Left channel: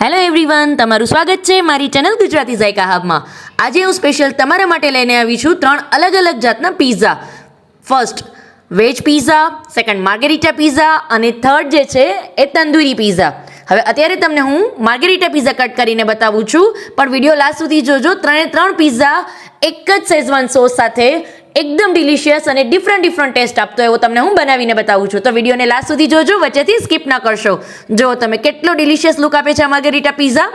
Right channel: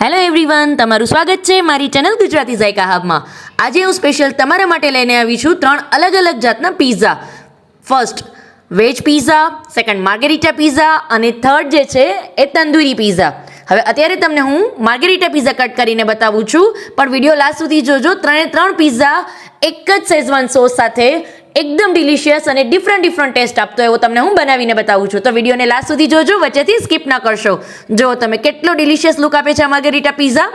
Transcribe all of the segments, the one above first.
Hello everyone, તમારું સ્વાગત છે મારી ચેનલ ગુજરાતી ઝાયકા હબમાં. આજે હું સ્પેશિયલ તમારા માટે લઈને આવી છું 3 અલગ અલગ જાતના pizza. First veg pizza, second margherita pizza અને થર્ડ જે છે એ તંદૂરી પિઝા. હવે અત્યારે તમને હું માર્ગેરિટા પિઝા કટ કરીને બતાવું છું, પણ વિડીયો લાસ્ટ સુધી જોજો. 3 પિઝા એક જ શેઝવાન સોસ સાથે એકદમ ડિલિશિયસ અને ડિફરન્ટ ટેસ્ટ આપતો એવો તમને હું બનાવીને બતાવું છું. તો વિડીયોને લાસ્ટ સુધી જોજો, વચ્ચેથી સ્કીપ ના કરશો. જો તમે કેટલો ડિલિશિયસ લુક આપે છે આ માર્ગેરિટા પિઝા,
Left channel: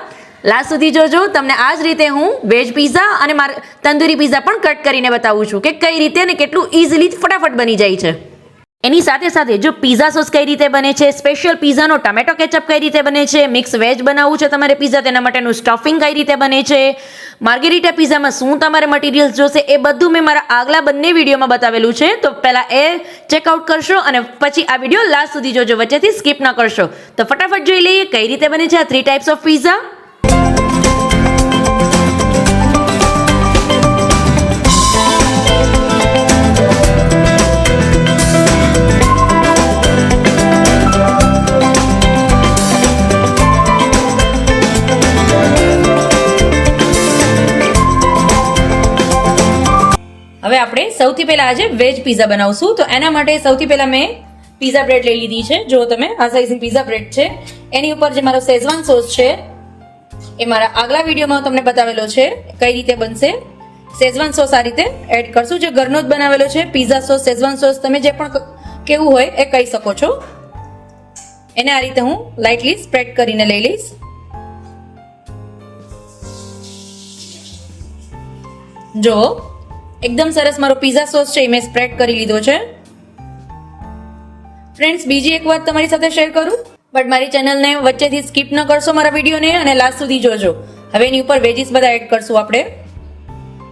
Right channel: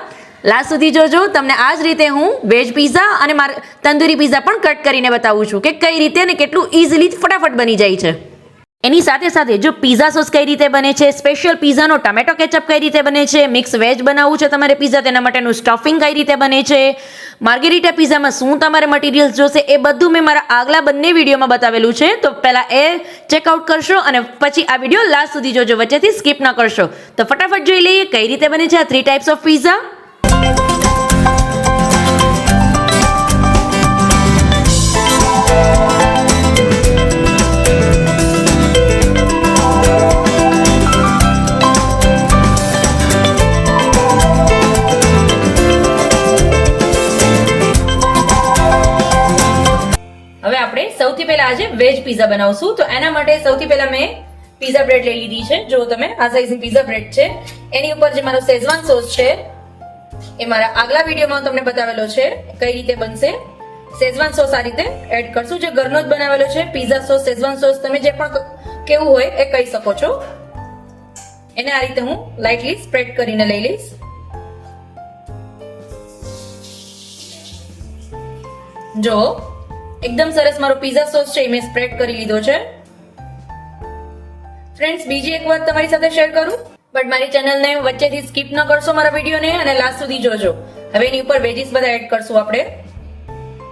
લાસ્ટ સુધી જોજો. તમને આ જ રીતે હું વેજ પિઝા અને તંદૂરી પિઝા પણ કટ કરીને બતાવું છું કે કઈ રીતે અને કેટલું ઇઝીલી ફટાફટ બની જાય છે. એની સાથે સાથે જો પિઝા સોસ કઈ રીતે બને છે, સ્પેશિયલ પિઝાનો ટમેટો કેચઅપ કઈ રીતે બને છે, મિક્સ વેજ બનાવવું છે તમારે પિઝા, તેના માટેનું સ્ટફિંગ કઈ રીતે બને છે, માર્ગેરિટા પિઝામાં શું તમારે મટીરિયલ્સ જોશે, એ બધું મેં મારા આગલા બંને વિડીયોમાં બતાવેલું છે. તો પહેલા એ ચેકઆઉટ કરશો અને પછી આ વિડીયો લાસ્ટ સુધી જોજો, વચ્ચેથી સ્કીપ ન કરશો. તો ફટાફટ જોઈ લઈએ કઈ રીતે બને છે આ 3 ટાઈપ્સ ઓફ પિઝા. હવે આપણે સૌથી પહેલા આજે વેજ પિઝા બનાવશું. તો એના માટે સૌથી પહેલા મેં પિઝા બ્રેડ લઈ લીધી છે. જો તમે આ સાઈઝની પિઝા બ્રેડ છે, એની ઉપર જે મારો શેઝવાન સોસ છે એ મારા આગલા વિડીયોમાં તમને બતાવેલો છે કઈ રીતે બનશે. શેઝવાન સોસ આ રીતે એડ કરશું, જે ઘરનો જ બનાવેલો છે. પિઝા સોસ, શેઝવાન સોસ તમે જે પણ કેવું હોય એ કહી શકો છો. એને આ રીતે હું લાઇટલી સ્પ્રેડ કરીને લઈ લઈશ. જો એકદમ સરસ મારો પિઝા સોસ છે એ મેં સ્પ્રેડ કરી લીધો છે. ફ્રેન્ડ્સ, બીજી એક વાત તમારી સાથે શેર કરું, બટ મારી ચેનલને વચ્ચેથી સ્કીપ ન કરશો મારા વિડીયોને અને લાસ્ટ સુધી જોજો. હવે એની ઉપર વેજીસ બધા એડ કરશું આપણે.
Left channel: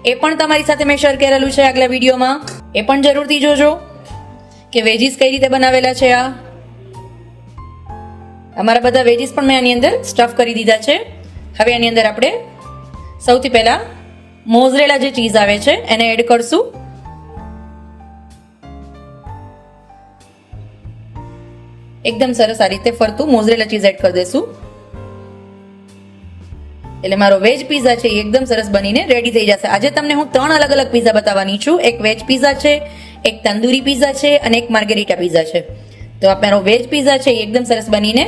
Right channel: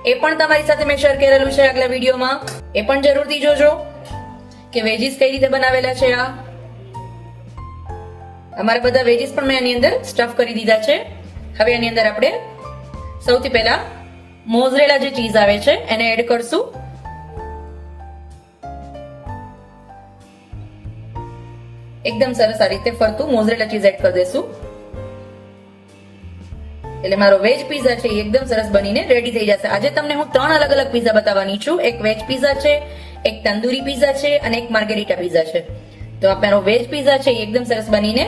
એ પણ તમારી સાથે મેં શેર કરેલું છે આગલા વિડીયોમાં, એ પણ જરૂરથી જોજો કે વેજીસ કઈ રીતે બનાવેલા છે. અમારા બધા વેજીસ પણ મેં આની અંદર સ્ટફ કરી દીધા છે. હવે આની અંદર આપણે સૌથી પહેલા મોઝરેલા જે ચીઝ આવે છે એને એડ કરશું. એકદમ સરસ આ રીતે ફરતું મોઝરેલા ચીઝ એડ કરી દેશું. એટલે મારો વેજ પિઝા છે એ એકદમ સરસ બનીને રેડી થઈ જશે. આજે તમને હું 3 અલગ અલગ પિઝા બતાવવાની છું. એક વેજ પિઝા છે, એક તંદૂરી પિઝા છે અને એક માર્ગેરિટા પિઝા છે. તો આ મારો વેજ પિઝા છે એ એકદમ સરસ બનીને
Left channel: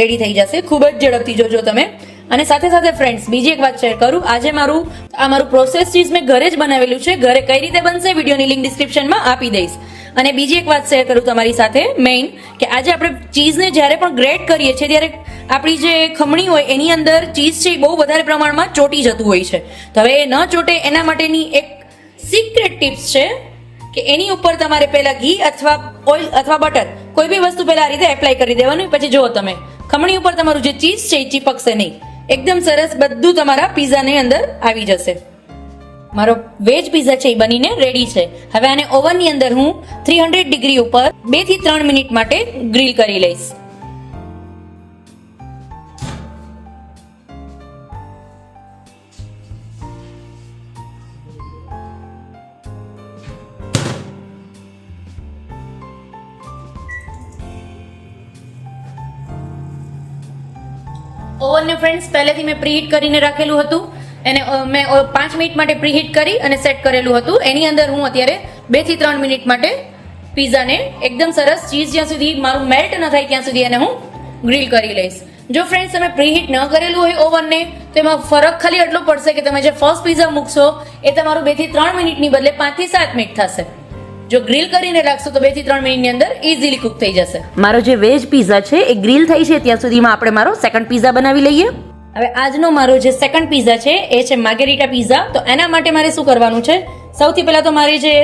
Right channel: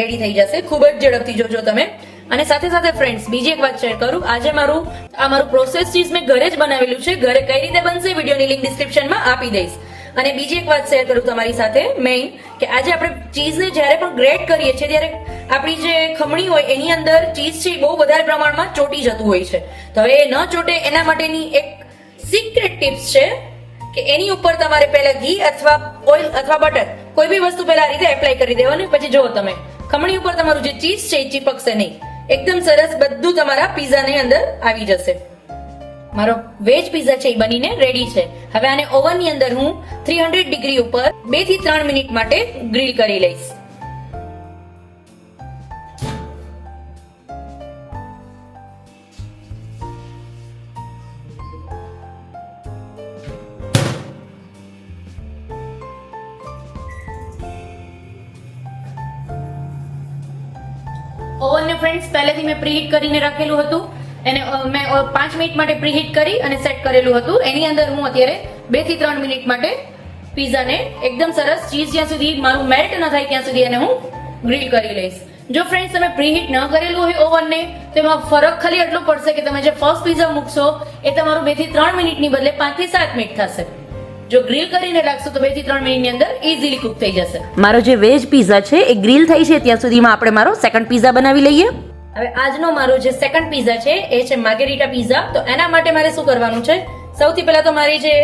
રેડી થઈ જશે. ખૂબ જ ઝડપથી જોજો તમે. અને સાથે સાથે ફ્રેન્ડ્સ, બીજી એક વાત શેર કરું. આજે મારું પ્રોસેસ ચીઝ મેં ઘરે જ બનાવેલું છે. ઘરે કઈ રીતે બનશે વિડીયોની લિંક ડિસ્ક્રિપ્શનમાં આપી દઈશ. અને બીજી એક વાત શેર કરું તમારી સાથે મેઇન, કે આજે આપણે ચીઝને જ્યારે પણ ગ્રેટ કરીએ છીએ ત્યારે આપણી જે ખમણી હોય એની અંદર ચીઝ છે એ બહુ વધારે પ્રમાણમાં ચોટી જતું હોય છે. તો હવે એ ન ચોટે એના માટેની એક સિક્રેટ ટિપ્સ છે કે એની ઉપર તમારે પહેલા ઘી અથવા ઓઇલ અથવા બટર કોઈ બી વસ્તુ પહેલા આ રીતે એપ્લાય કરી દેવાનું. પછી જુઓ તમે ખમણી ઉપર તમારું જે ચીઝ છે એ ચીપકશે નહીં. એકદમ સરસ બધું તમારા પિઝાની અંદર આવી જશે. મારો વેજ પિઝા છે એ બનીને રેડી છે. હવે આને ઓવનની અંદર હું 300 ડિગ્રી ઉપર 2 થી 3 મિનિટ માટે ગ્રીલ કરી લઈશ. ઓવનને ફ્રેન્ડ્સ પહેલેથી મેં પ્રીહીટ કરીને રાખેલું હતું. એને મેં 5 મિનિટ માટે પ્રીહીટ કરી અને સેટ કરેલું હતું. એની અંદર હું અત્યારે 2 થી 3 મિનિટ માટે પિઝાને એકદમ સરસ ચીઝ જ્યાં સુધી મારું મેલ્ટ ન થાય ત્યાં સુધી એને હું ગ્રીલ કરી લઈશ. જો ફ્રેન્ડ્સ તમે પ્રીહીટ ન કરેલું હોય ઓવનને, તો એમાં ફરક ખાલી એટલો પડશે કે તમે જે ફર્સ્ટ પિઝા મૂકશો એ તમારું 2 થી 3 મિનિટની બદલે 5 થી 7 મિનિટ થશે. જો ગ્રીલ કરીને રાખશો તો 2 થી 3 મિનિટની અંદર ઈઝીલી કુક થઈ જશે. મારો જે વેજ પિઝા છે એ ગ્રીલ થઈ છે ત્યાં સુધીમાં આપણે મારો સેકન્ડ પિઝા બનાવી લઈએ. હવે આજનો મારો જે સેકન્ડ પિઝા છે એ છે માર્ગેરિટા પિઝા. તો એના માટે મારે શું કરવાનું છે, સૌથી પહેલા તો મારી જે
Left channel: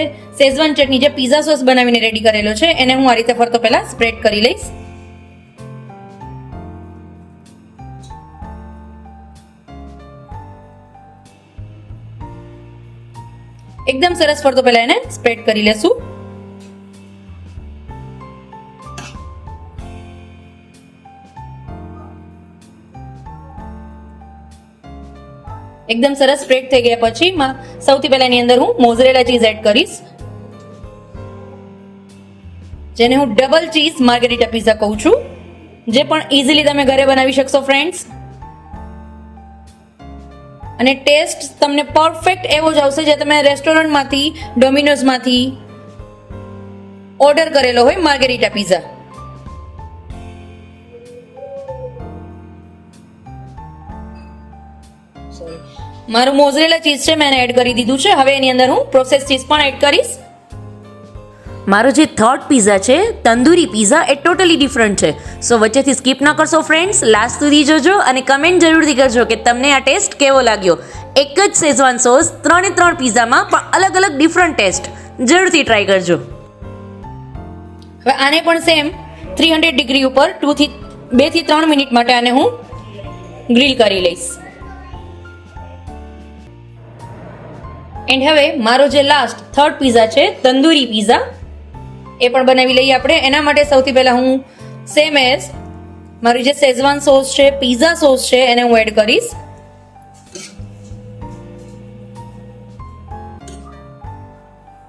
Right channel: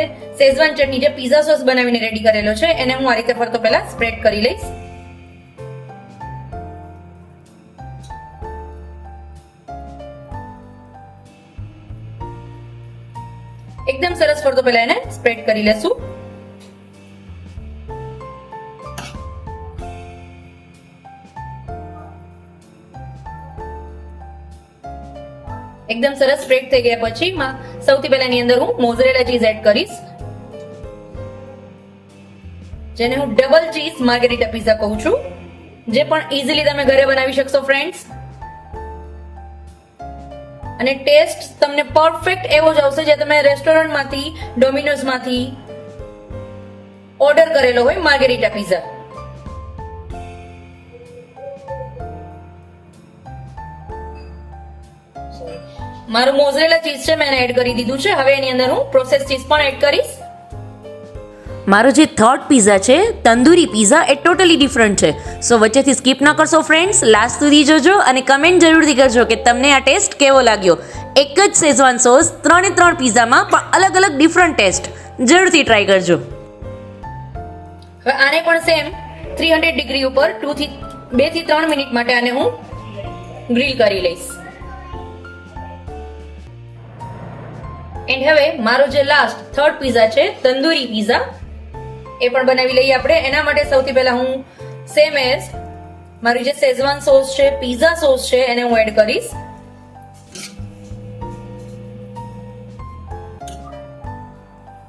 શેઝવાન ચટણી જે પિઝા સોસ બનાવીને રેડી કરેલો છે એને હું આ રીતે ફરતો પહેલા સ્પ્રેડ કરી લઈશ. એકદમ સરસ ફરતો પહેલા એને સ્પ્રેડ કરી લેશું. એકદમ સરસ સ્પ્રેડ થઈ ગયા પછી સૌથી પહેલા એની અંદર હું મોઝરેલા ચીઝ એડ કરીશ. જેને હું ડબલ ચીઝ માર્ગેરિટા પિઝા કહું છું, જે પણ ઇઝીલી તમે ઘરે બનાવી શકશો ફ્રેન્ડ્સ. અને ટેસ્ટ તમને પરફેક્ટ એવો જ આવશે જે તમે રેસ્ટોરન્ટમાંથી, ડોમિનોઝમાંથી ઓર્ડર કરેલો હોય માર્ગેરીટા પીઝા. મારું મોઝરેલા ચીઝ છે મેં એડ કરી દીધું છે. હવે એની અંદર હું પ્રોસેસ ચીઝ પણ એડ કરીશ. મારો જે થર્ડ પીઝા છે તંદૂરી પીઝા એ ટોટલી ડિફરન્ટ છે. સો વચ્ચેથી સ્કીપ ન કરશો ફ્રેન્ડ્સ, લાસ્ટ સુધી જોજો અને કમેન્ટ જરૂરથી કરજો કે તમને આ ટેસ્ટ કેવો લાગ્યો. એક જ શેઝવાન સોસ 3 પીઝામાં પણ અલગ અલગ ડિફરન્ટ ટેસ્ટ. જરૂરથી ટ્રાય કરજો. હવે આને પણ સેમ 300 ડિગ્રી ઉપર 2 થી 3 મિનિટ માટે આને હું ગ્રીલ કરી લઈશ. એન્ડ હવે મારો જે લાસ્ટ થર્ડ પીઝા છે તંદૂરી પીઝા એ પણ બનાવી લઈએ આપણે. એના માટે સૌથી પહેલા હું સેમ એઝ મારી જે શેઝવાન સોસ છે, પીઝા સોસ છે એને હું એડ કરીશ.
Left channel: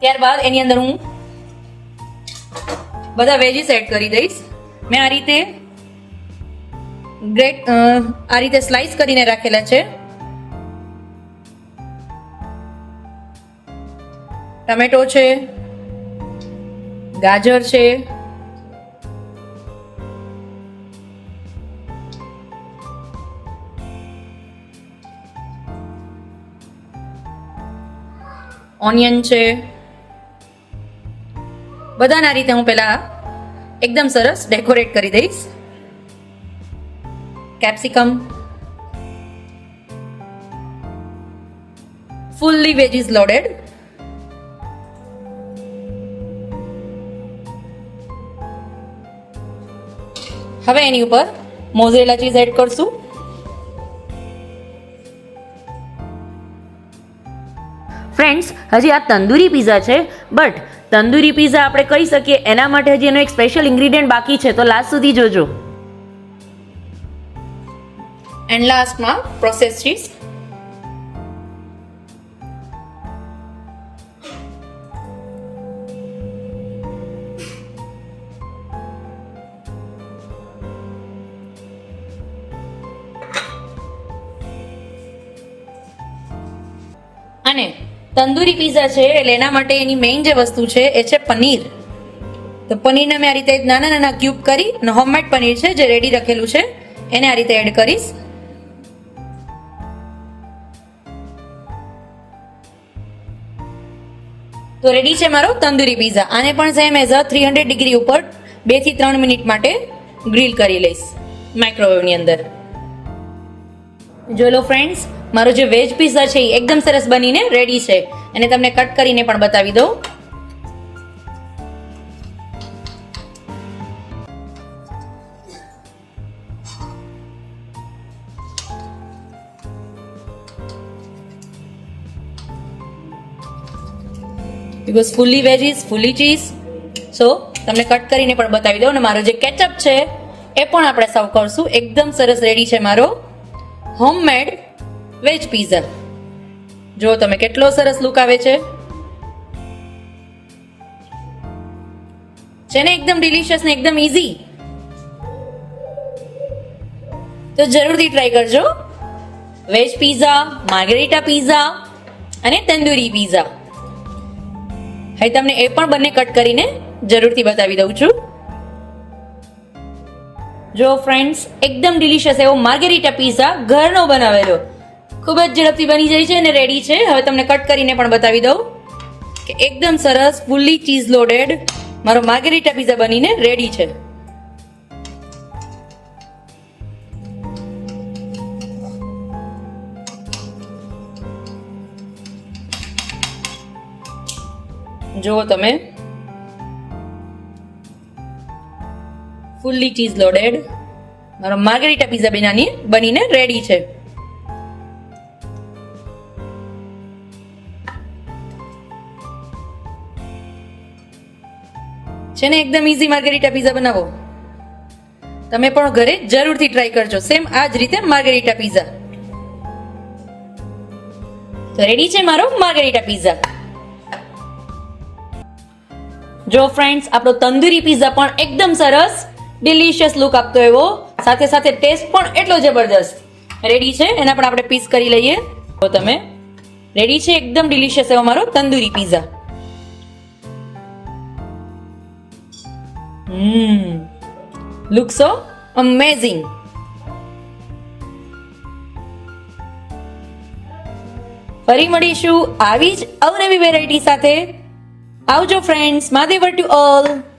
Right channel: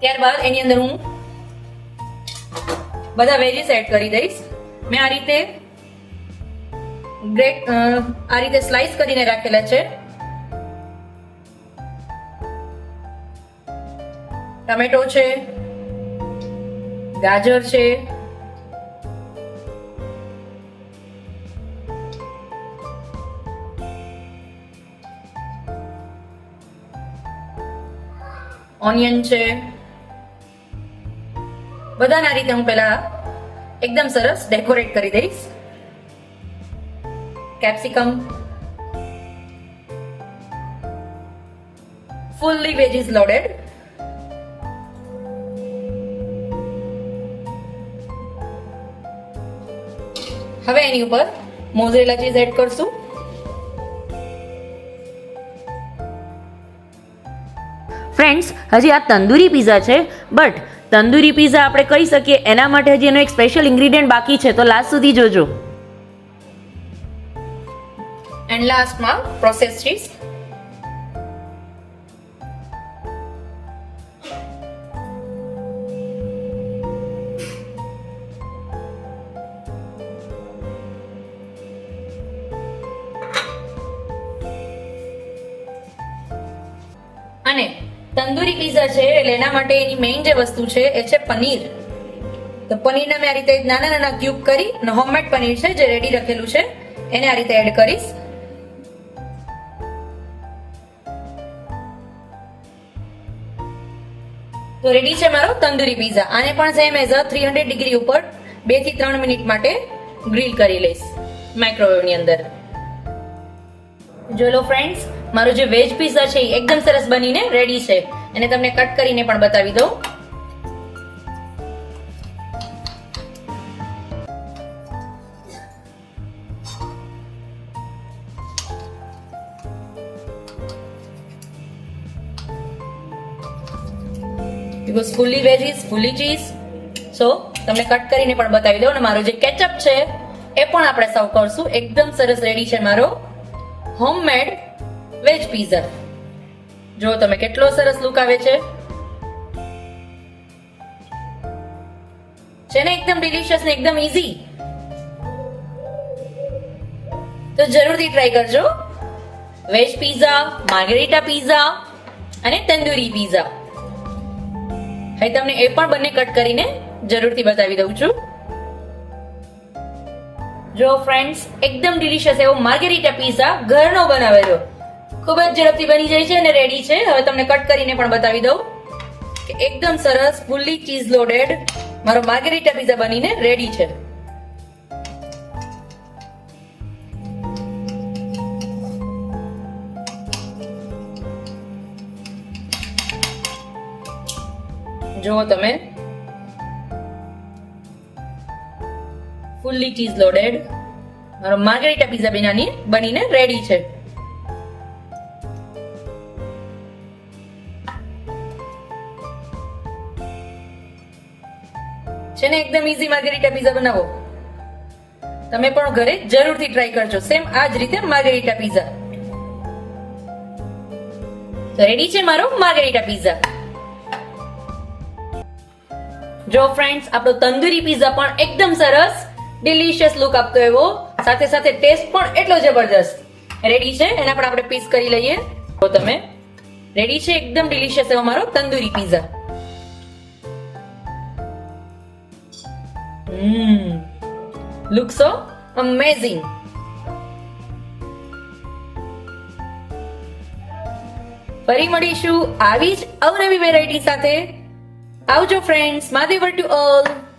ત્યારબાદ એની અંદર હું બધા વેજીસ એડ કરી દઈશ. મેં આ રીતે સ્લાઇસ કરીને રાખેલા છે. ટમેટો છે, ગાજર છે, ઓનિયન છે, બધાને આ રીતે હું પહેલા એકદમ સરસ ડેકોરેટ કરી દઈશ. Capsicum, fully veggies loaded. હવે એની ઉપર મોઝરેલા ચીઝ એડ કરશું. ફ્રેન્ડ્સ, હજી આ તંદૂરી પીઝા છે, બટ તંદૂરી પીઝા આપણે કહી શકીએ એના માટે હજી એનો એક સ્પેશિયલ ઇન્ગ્રીડિયન્ટ બાકી છે, તો લાસ્ટ સુધી જોજો. એન્ડ લાસ્ટમાં પ્રોસેસ ચીઝ. અને તંદૂરી પીઝા છે એટલે એના માટે એની મેઇન જે વસ્તુ છે એ છે પનીર. તો પનીરના મેં આ રીતે નાના નાના ક્યુબ કરી અને હોમમેડ પનીર છે જે રેડી રખેલું છે એને આ રીતે એડ કરીશ. તો રેડી છે મારો તંદૂરી પીઝા. આને પણ સેમ એઝ 300 ડિગ્રી ઉપર 2 થી 3 મિનિટ માટે ગ્રીલ કરી લઈશ માઇક્રોવેવની અંદર. જોઈ લો ફ્રેન્ડ્સ, મારો જે વેજ પીઝા છે એ એકદમ સરસ બનીને રેડી છે. અને તમને કટ કરીને પણ બતાવી દઉં. Because fully veggies, fully cheese. So તમને કટ કરીને પણ બતાવી દઉં. અને મારો જે કેચઅપ છે એ પણ આપણે સર્વ કરશું. એકદમ સરસ રેડી છે મારો હોમમેડ વેજ પીઝા. જો તમે કેટલો સરસ લુક આવે છે ને એકદમ ડિલિશિયસ ને એકદમ ઈઝી. તો જરૂરથી ટ્રાય કરજો વેજ પીઝા, માર્ગેરીટા પીઝા અને તંદૂરી પીઝા. હવે તમને એ પણ બંને કટ કરીને જરૂરથી બતાવી દઉં છું. જો ફ્રેન્ડ્સ, એકદમ ડિલિશિયસ એવો માર્ગેરીટા પીઝા ઘરનો બનાવેલો ખૂબ જ ઝડપથી બની જાય છે અને રેડી છે. હવે તમને કટ કરીને પણ બતાવી દઉં કે એકદમ સરસ ફુલ્લી ચીઝ લોડેડ મારો માર્ગેરીટા પીઝા બનીને રેડી છે. જુઓ તમે, ફુલ્લી ચીઝ લોડેડ મારો માર્ગેરીટા પીઝા બનીને રેડી છે. છે ને એકદમ ઈઝી માર્ગેરીટા પીઝા બનાવો. તમે પણ ઘરે જરૂરથી ટ્રાય કરજો. સેમ આ જ રીતે માર્ગેરીટા પીઝા. તો રેડી છે મારો માર્ગેરીટા પીઝા. જો ફ્રેન્ડ્સ, આપણો તંદૂરી પીઝા પણ એકદમ સરસ ડિલિશિયસ લુક આપતો એવો, સાથે સાથે ટેસ્ટ પણ એટલો જબરદસ્ત રેડી છે. એના પણ આપણે પીસ કરી લઈએ. તો તમે રેડી છે એકદમ ડિલિશિયસ એવો મારો તંદૂરી પીઝા. લુક સો અમેઝિંગ. ફરી મળીશું આવી જ અવનવી વેરાયટી સાથે. આવજો ફ્રેન્ડ્સ. મહાદેવર to all.